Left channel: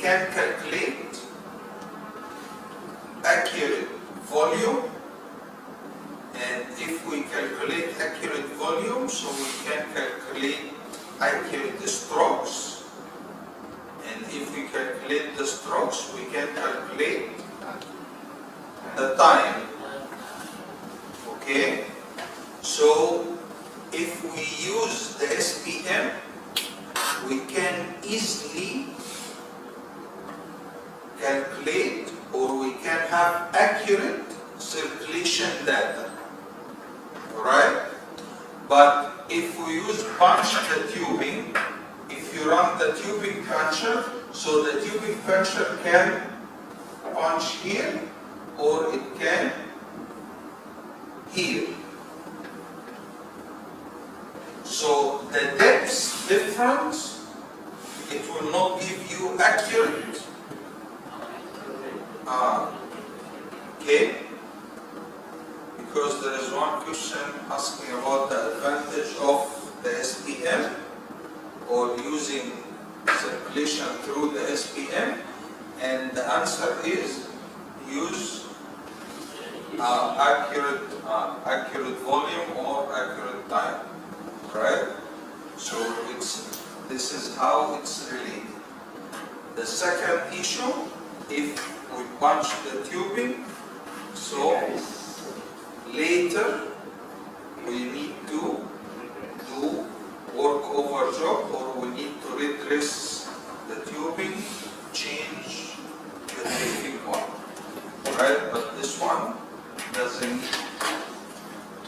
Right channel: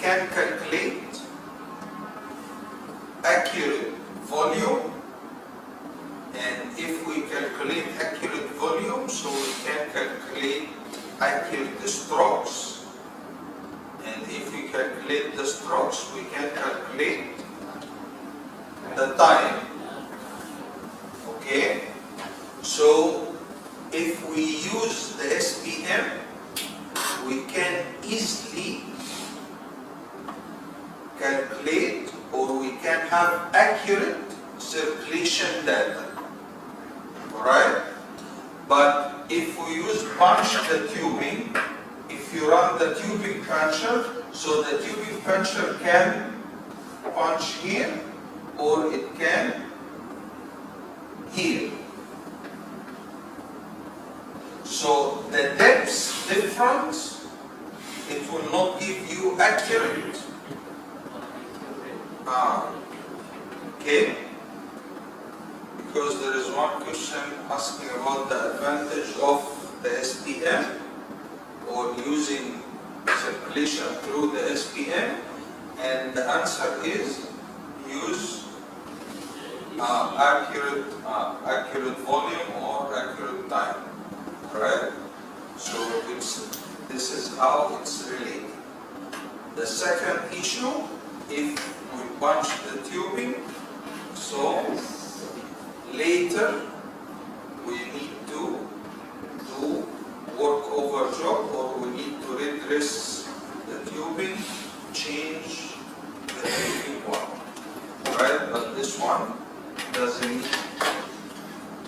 can calculate accurate volume, and if we calculate accurate volume, so we can calculate accurate strokes, and if we calculate the strokes, we can calculate the time. Okay, so if we use the SPM, we can easily calculate, or we can have accurate circulation data. Alright? But if we use punch the tubing, if you run the tubing puncher, so the tubing puncher can punch here, or it can here. So the depth difference, it will not give you accurate. Okay? Because there is one question asking about the advantage of the SPM or using circulation through the SPM, and the answer is use accurate volume or accurate time. Right? So this is how it's related. The second issue, if we punch the tubing, so later we need to do work over job, or we need to redress the tubing, change the tubing one. Right? But this one doesn't need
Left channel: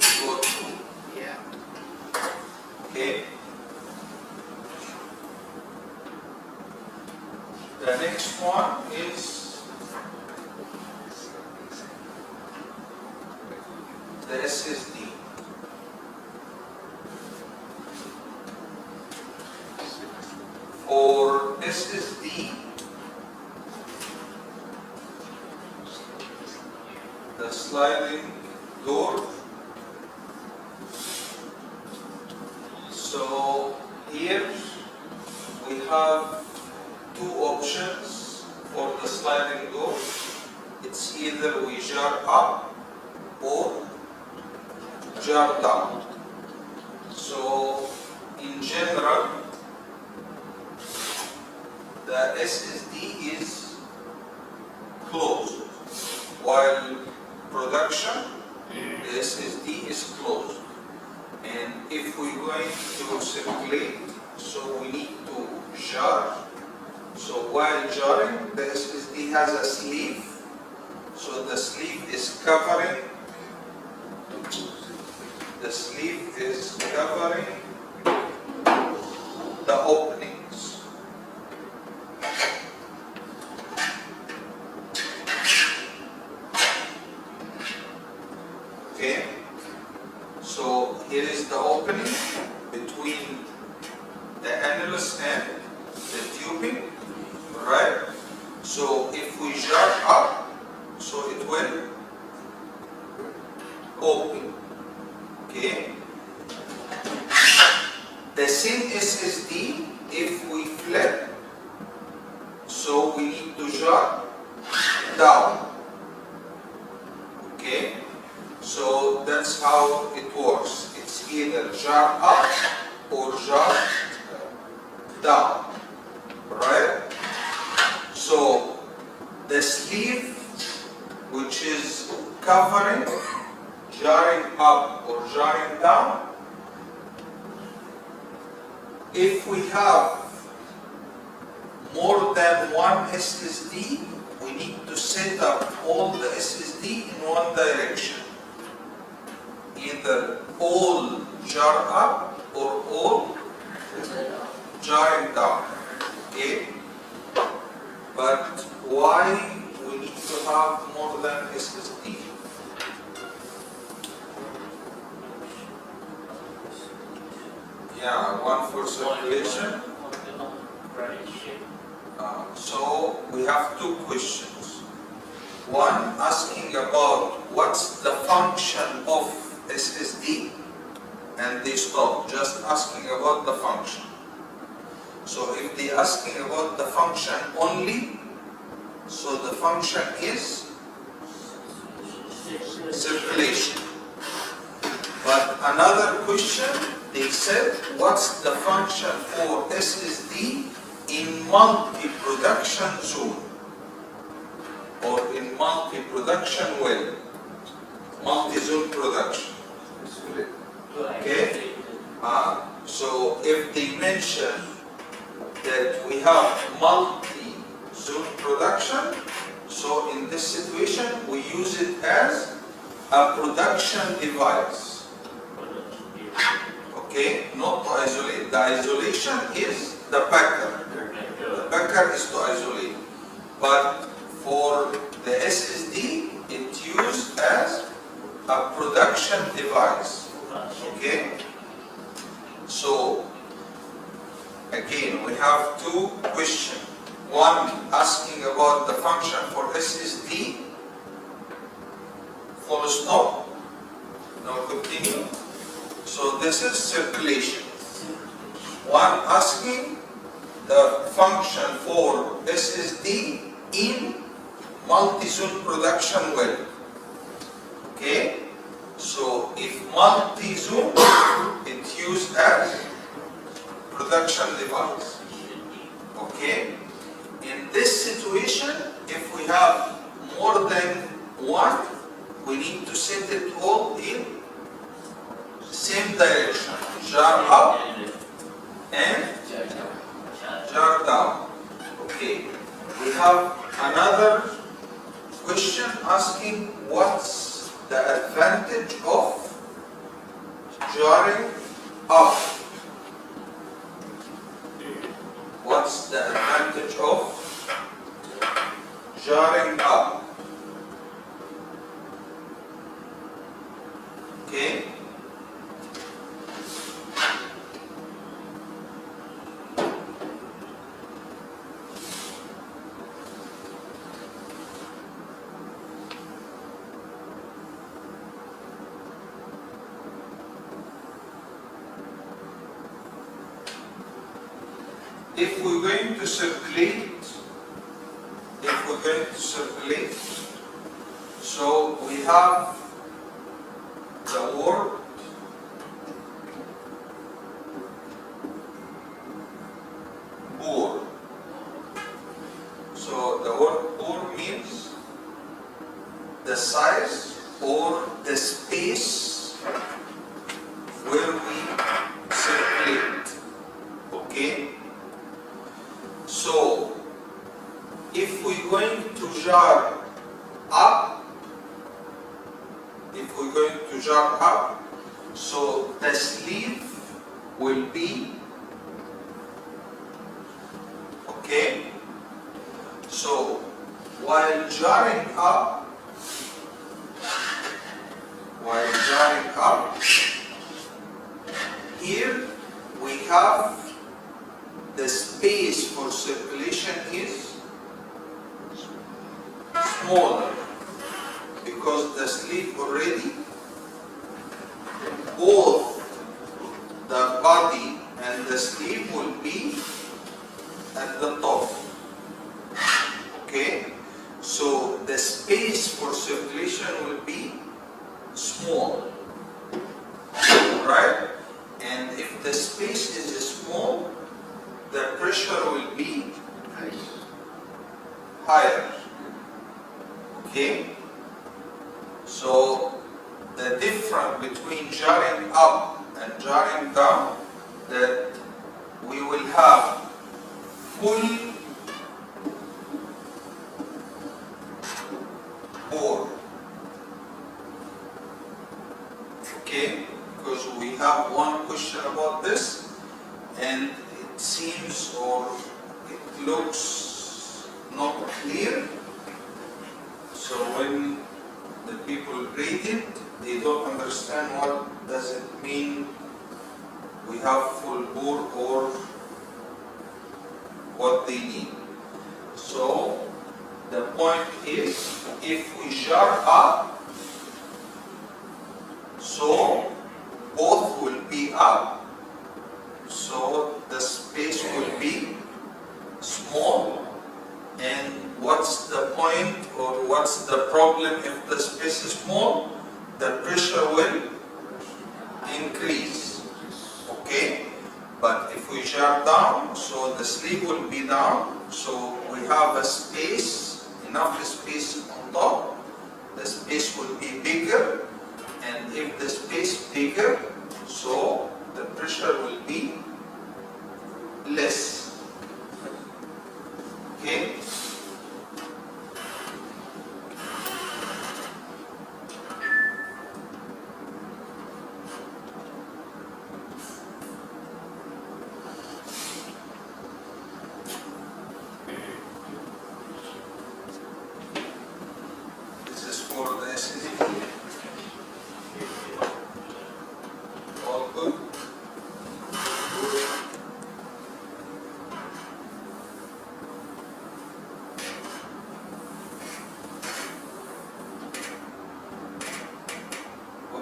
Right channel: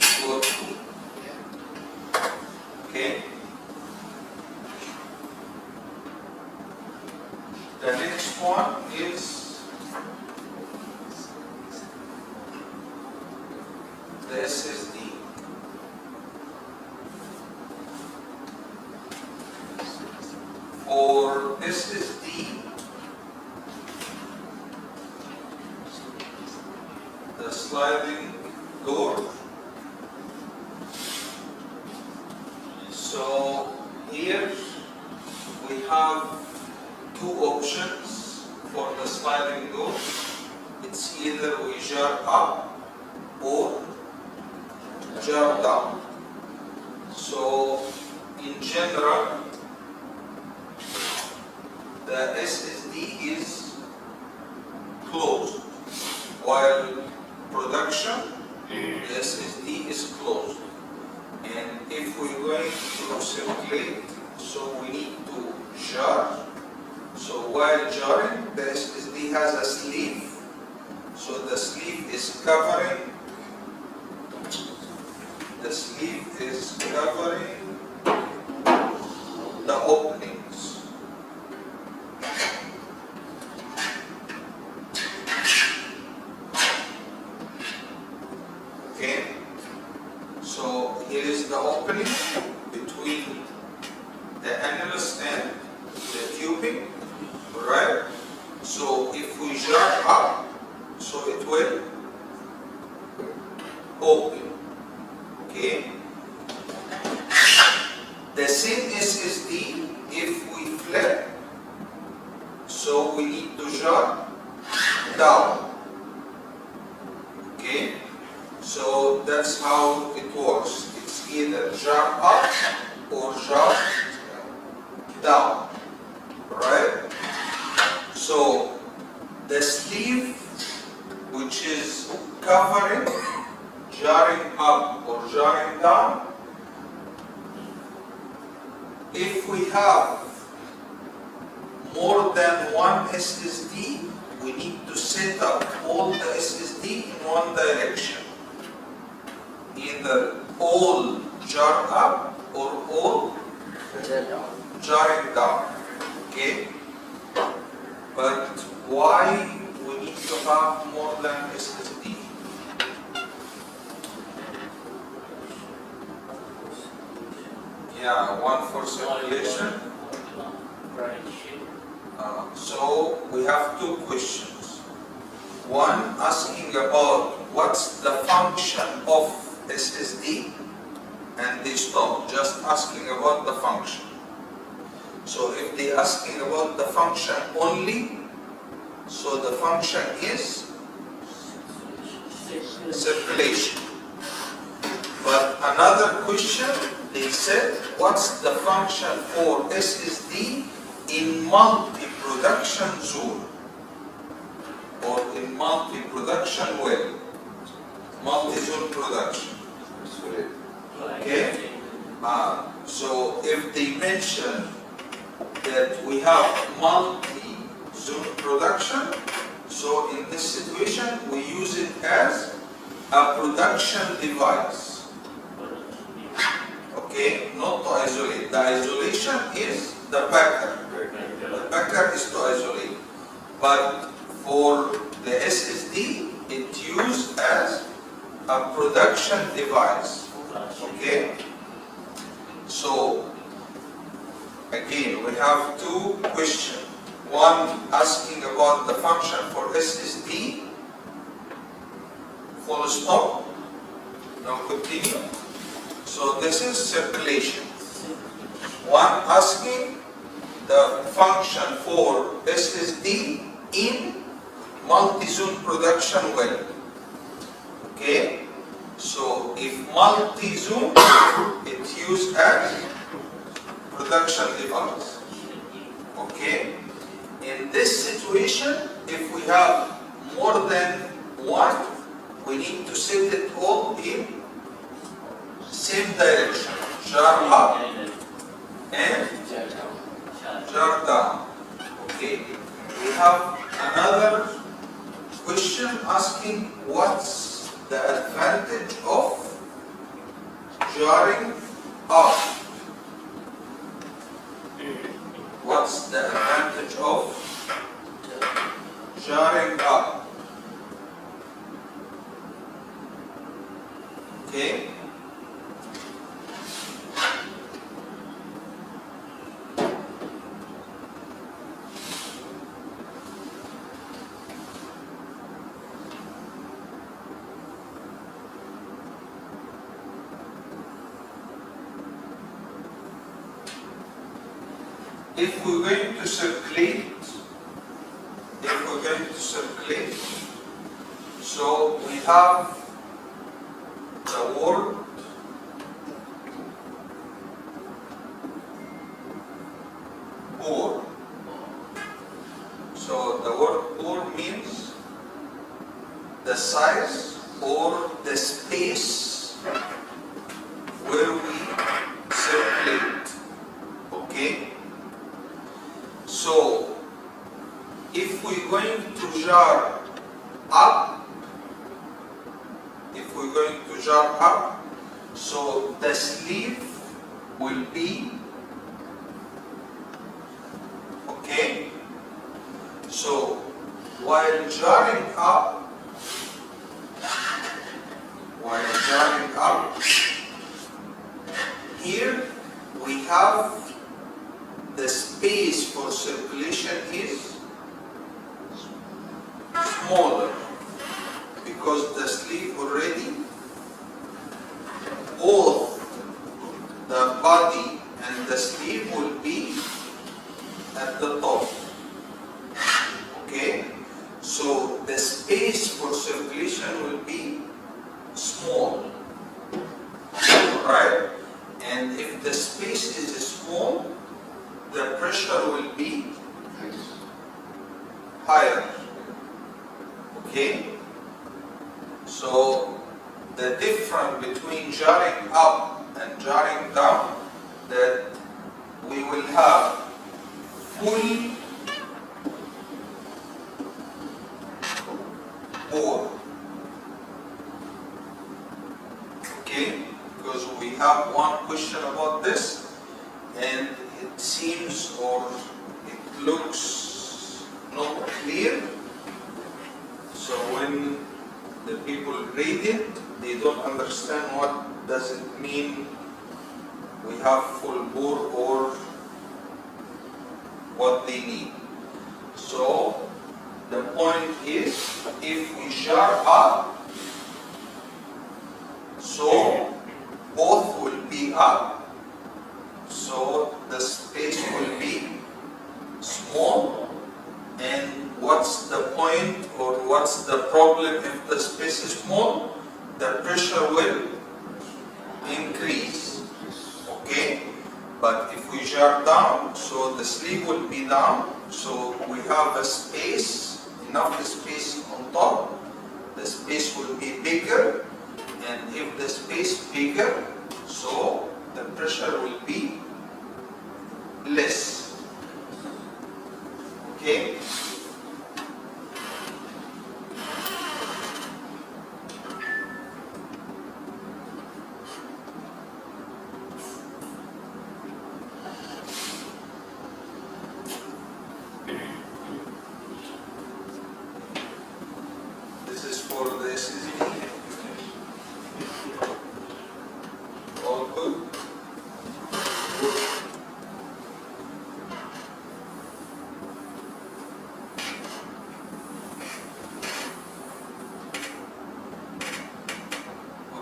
to go through. Okay. The next one is the SSD. For SSD, the sliding door. So here we have two options for the sliding door. It's either we jar up or jar down. So in general, the SSD is closed, while production, the SSD is closed. And if we're going to circulate, so we need to jar. So while jarring, the SSD has a sleeve. So the sleeve is covering the openings. Okay. So here is the opening between the annulus and the tubing, right? So if we jar up, so it will open. Okay. The same SSD, if we flip, so we need to jar down. Okay. So that's how it works. It's either jar up or jar down, right? So the sleeve, which is covering, jarring up or jarring down, if we have more than one SSD, we need to set up all the SSD in one direction. Either all jar up or all jarring down. Okay? But why we need to have more than SSD? Yeah, one for circulation. So we have two questions. One asking about what's the function of SSD, and they stop just asking about the function. So if they're asking about the function only, so the function is circulation. But another question, they said, what's the function for SSD in multi-production zone or in multi-production well, multi-zone production? Okay? So if they mention that we have multi-zone production, so in this situation we use it as a production device. Okay, not to isolate. The isolation is the packer. The packer is to isolate. But for the SSD, it's used as a production device. Okay? So, again, we have two questions. One asking about the function for SSD, full stop. Now continue. So this is circulation. One asking the function for SSD in multi-zone production well. Okay? So if multi-zone, it's used as production device. Okay? In this situation, if we have more than one, we need to set it all in same direction. Jar up and jar down. Okay. We have another question asking what's the advantage of jarring up? What's the advantage of jarring up? Okay. If we're going to circulate, so we have the word pour. So the word pour means the size or the space where we circulate. Okay? So, if we're going to jar up, so the sleeve will be, okay? So, while jarring up, here we have the space for circulation is smaller because the sleeve already, both the body and the sleeve will be at the top. Okay? So the space for circulation will be small. Right? And if the space is small, the pressure will be higher. Okay? So the difference between jarring up and jarring down, that we will have full bore. Okay? Because we have one question about this, and it seems or it looks not clear. So when the people read it, they don't understand what does it mean we have full bore or what they need. So the point is, if we jar up, so both will be up. So the space will be what's the problem? If the space is small, the pressure will increase. Okay? But if we jar down, so the sleeve will be down, so we have a space, enough space on top, the space will be bigger, and if the space bigger, so the pressure will be less. Okay? This is for the SSD. All good?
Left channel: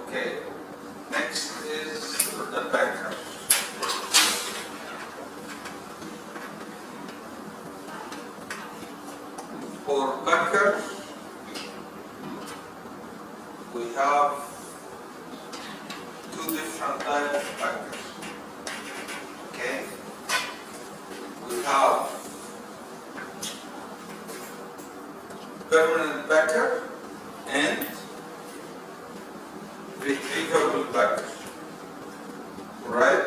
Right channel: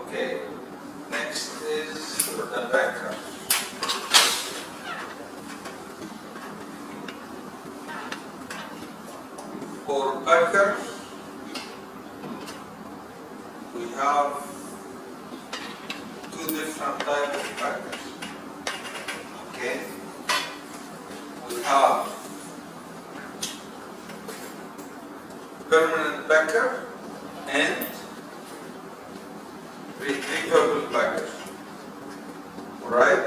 Okay, next is the backer. For backer, we have two different types of backers. Okay, we have permanent backer and retrievable backer, right?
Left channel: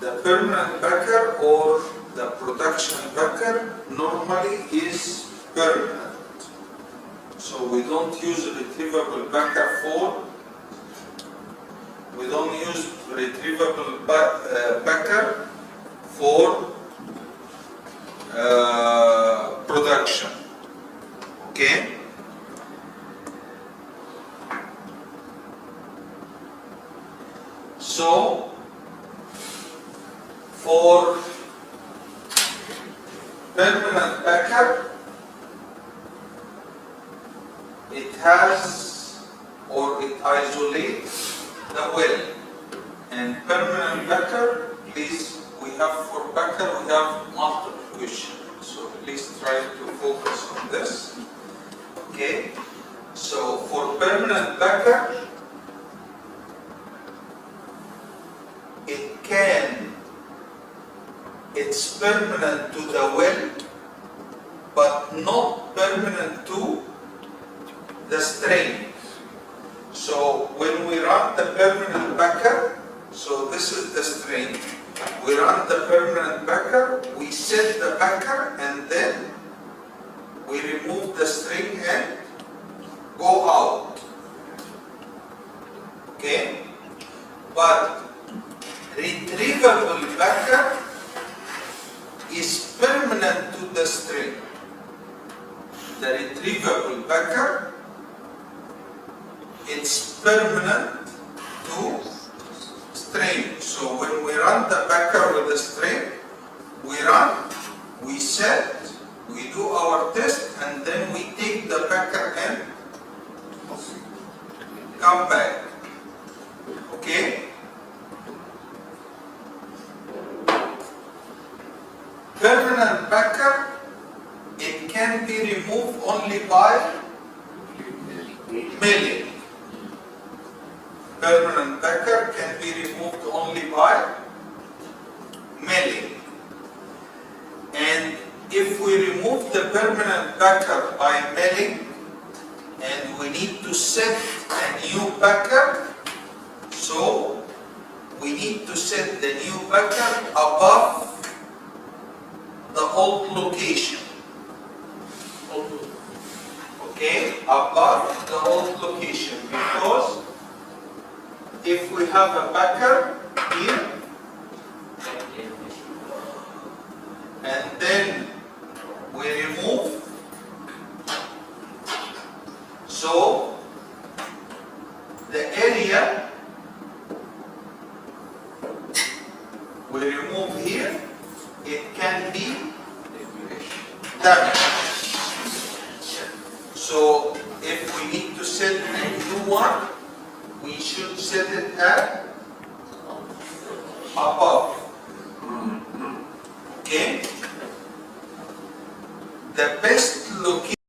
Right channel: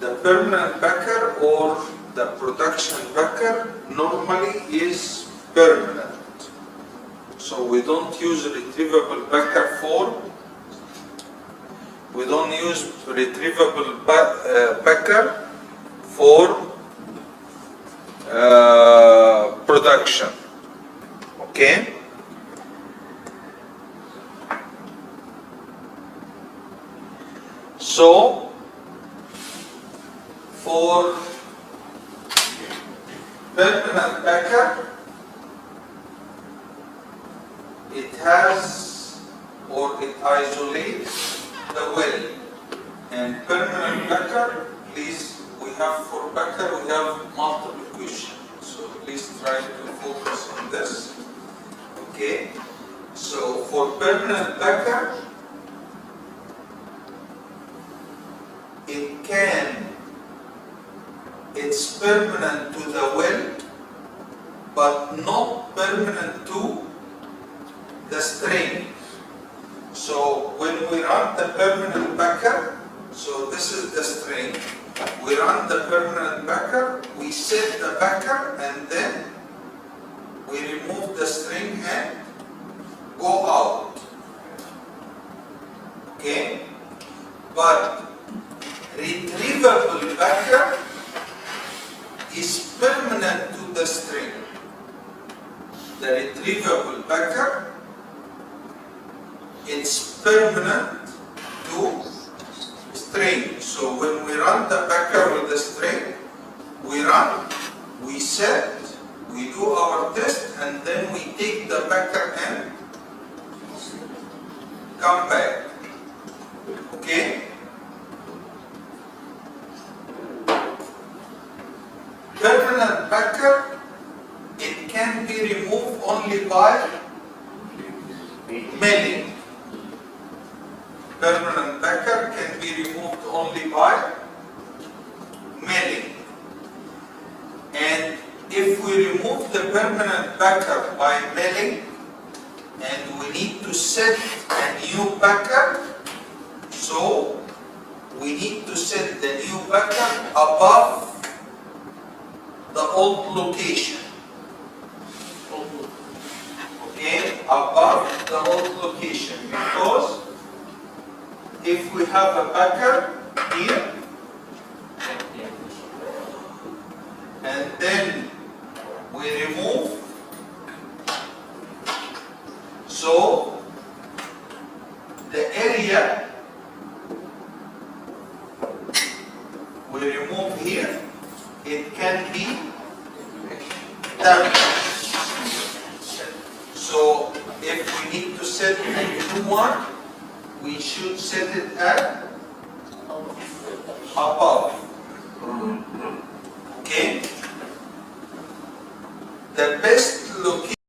The permanent backer or the production backer normally is permanent. So we don't use retrievable backer for, we don't use retrievable backer for production. Okay? So, for permanent backer, it has or it isolates the well. And permanent backer, please, we have for backer, we have multiple questions. So please try to focus on this. Okay? So for permanent backer, it's permanent to the well, but not permanent to the string. So when we run the permanent backer, so this is the string, we run the permanent backer, we set the backer, and then we remove the string and go out. Okay? But retrievable backer is permanent to the string. The retrievable backer, it's permanent to string. So when we run the backer with the string, we run, we set, we do our test, and then we take the backer and come back. Okay? Permanent backer, it can be removed only by milling. Permanent backer can be removed only by milling. And if we remove the permanent backer by milling, and we need to set a new backer, so we need to set the new backer above the old location. Okay, above the old location, because if we have a backer here and then we remove, so the area we remove here, it can be damaged. So if we need to set a new one, we should set it at above. Okay? The best location